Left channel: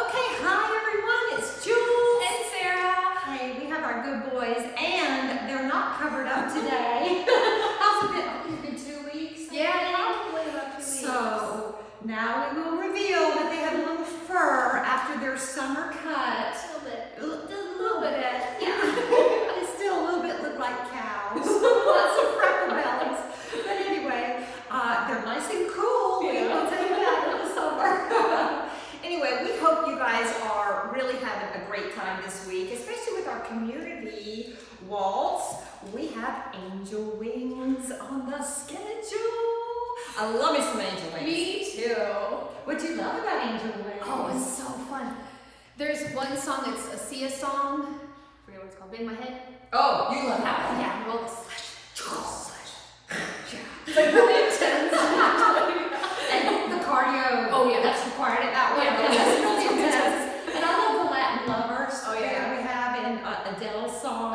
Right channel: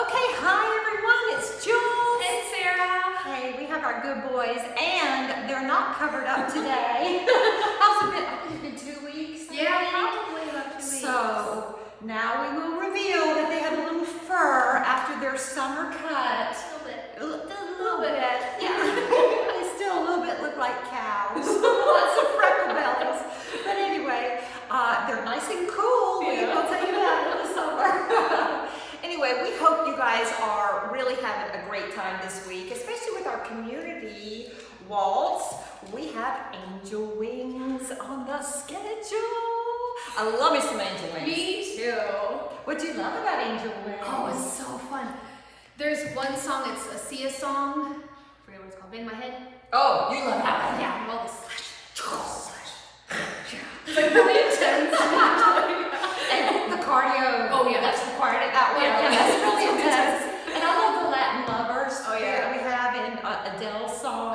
Okay, hi everyone, it's Jules. And Sarah. Hey, we have our good boys, and they're not covered up today. How's it been? I think it's been 2 weeks. Yeah, probably about 2 weeks. So now we will reveal that they have a little fur after their summer cut. A little bit. A little bit. Yeah. They still a little bit look like cows. Lots of freckle bellies. But anyway, they're nice and cool. Yeah. I'll tell you that in the summer. Anyway, we hope you guys are really having a great time this week, especially with our community waltz. We have angel wings on the schedule. I love me some angel wings. Me too. What do you love about angel wings? Oh, it's so fun. There's one song, it's a Sia song. I forget what it's called. Bang my head. Oh, you love that one. Yeah, roll the slash. It's like really intense. And the cardio. Oh, yeah. That's required at that one. Yeah, Okay, that's that's really intense. intense. And I love the Latin lovers. Oh, yeah. That we have in Adele's song.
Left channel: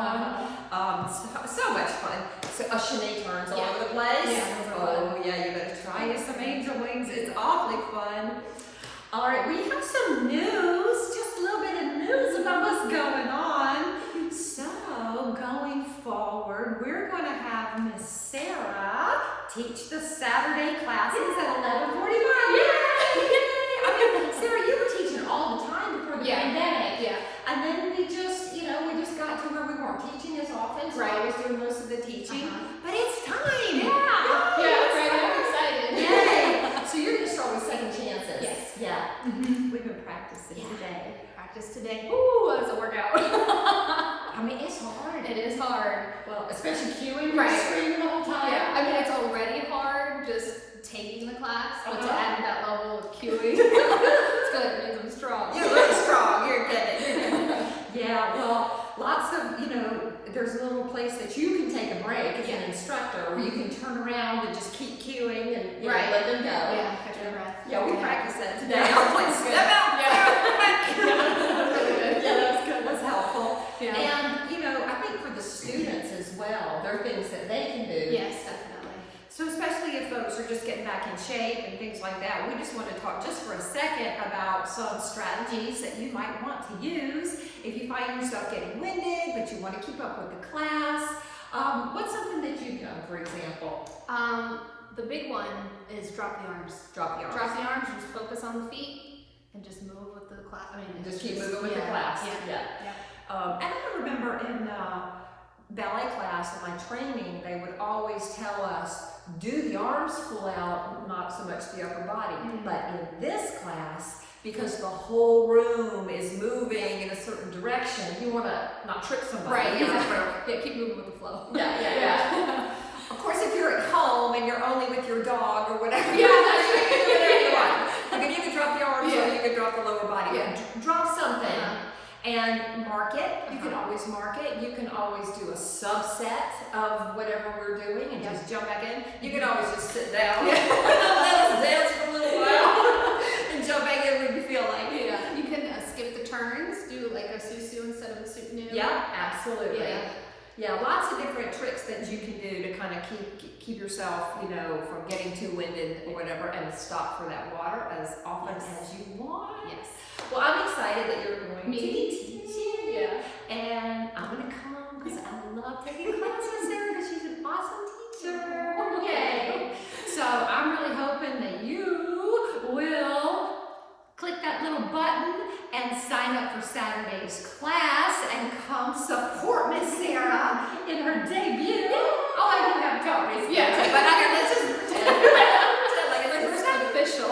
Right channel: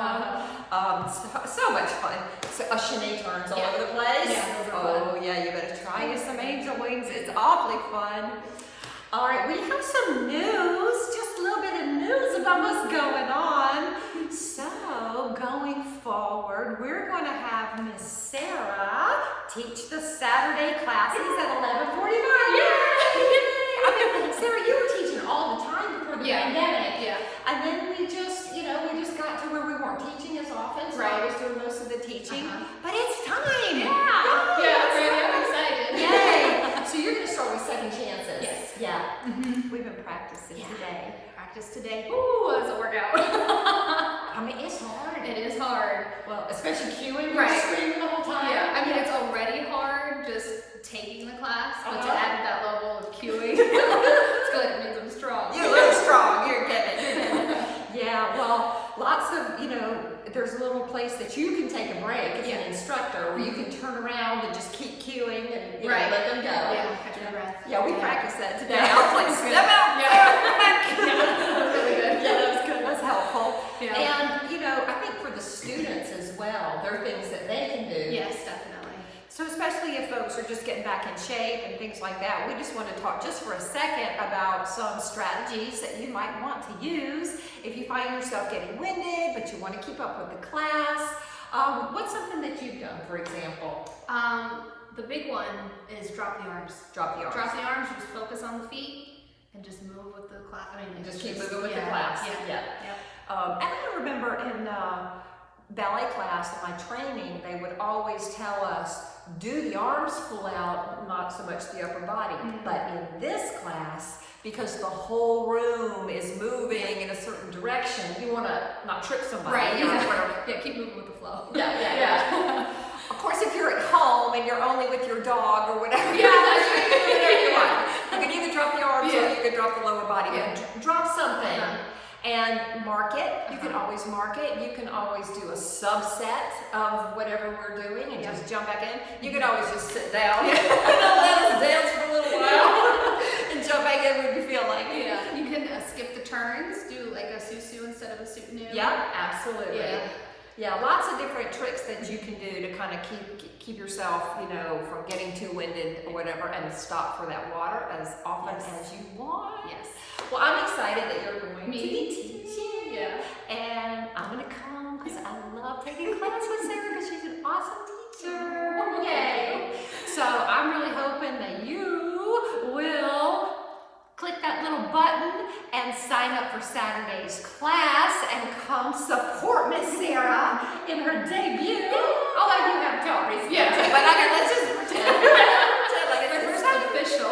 So much fun. So, Shanae turns all Yeah. over the place. Yeah, those are Oh, fun. yeah, you better try you some angel wings. It's awfully fun. All right, we have some news, just a little bit of news about what's going on. So, going forward, we're going to have Miss Sara teach the Saturday classes at 11:45. Sarah, you were teaching all the time before the pandemic. Yeah. And then we just got to where we weren't teaching as often, so I was doing most of the teaching. But it's time! Yeah. Yay! Yeah, right. I'm excited. Yay! So you're going to start with second chances. Yes. Yeah. We've been practicing today. Practice today. Ooh, that's a workout. I mean, it's hard. It is hard. Well, especially cueing, Right. screaming the whole time. Yeah, I mean, it's already hard just taking the class, but to add that level of cueing, it's good. It means I'm strong. You're really strong. You're good. Yeah, well, lots of, there's a little place that you can take a break as an instructor where you can turn around and just keep cueing and let them go. Yeah, catch my breath. Yeah, we practiced that today. Yeah. I was like, step out. Yeah, that's really good. Yeah, that's good. That's helpful. Yeah. And, I think for the students as well, there are things that they can do. Yes, definitely. So especially if folks are just getting back in shape and things like that, we just want to talk just for a second about some strategies that you might want to use if you find yourself getting winded, but you want to keep up with the class. What's something that you've done, for example? The big one is drop the arms. Drop the arms. Drop the arms, just focus on the feet, and just move with the class. I mean, Just keep moving with the class. Yeah. And I remember in ballet class, in my training, they would always tell us, do the arms full out, not so much the upper body. But in this class, because the whole room is moving in a certain direction, you want to not trip somebody. Right, yeah, keep moving with the flow. Yeah. Of course, if you're at home and you're only with your dog or whatever, Yeah, that's right. you can do whatever you want. You can either drop the arms or Yeah. you can drop the lower body. Yeah. Drop something. And mark it. You can always mark it. You can always do a subset of whatever we're doing and just jump back in. You can always just sit down. Let us dance for a little while and jump back in when you feel like. Yeah, you can skip the turns, do like a susu instead of a soutenu. Yeah, absolutely. Yeah, lots of different tricks that you can do to kind of keep yourself, from getting too winded or whatever, and stop for that water as often as you want. Yes. Well, I'm excited that you're going to be teaching. Yeah. And I'm going to come because I love taking class with Sarah because she's an awesome teacher. Yay. So I'm really hoping that you will click that little button and sign up for Saturday's class and come support Miss Sara in her debut. Oh, I do have jewelry. Yeah. But let's just pretend. Like my first official.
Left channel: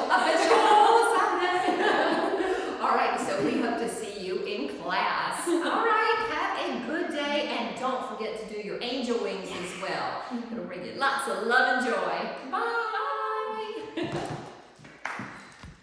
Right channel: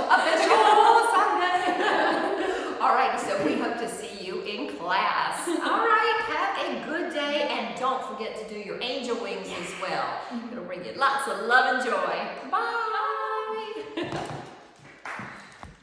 All right, so we hope to see you in class. All right, have a good day, and don't forget to do your angel wings as well. It'll bring you lots of love and joy. Bye.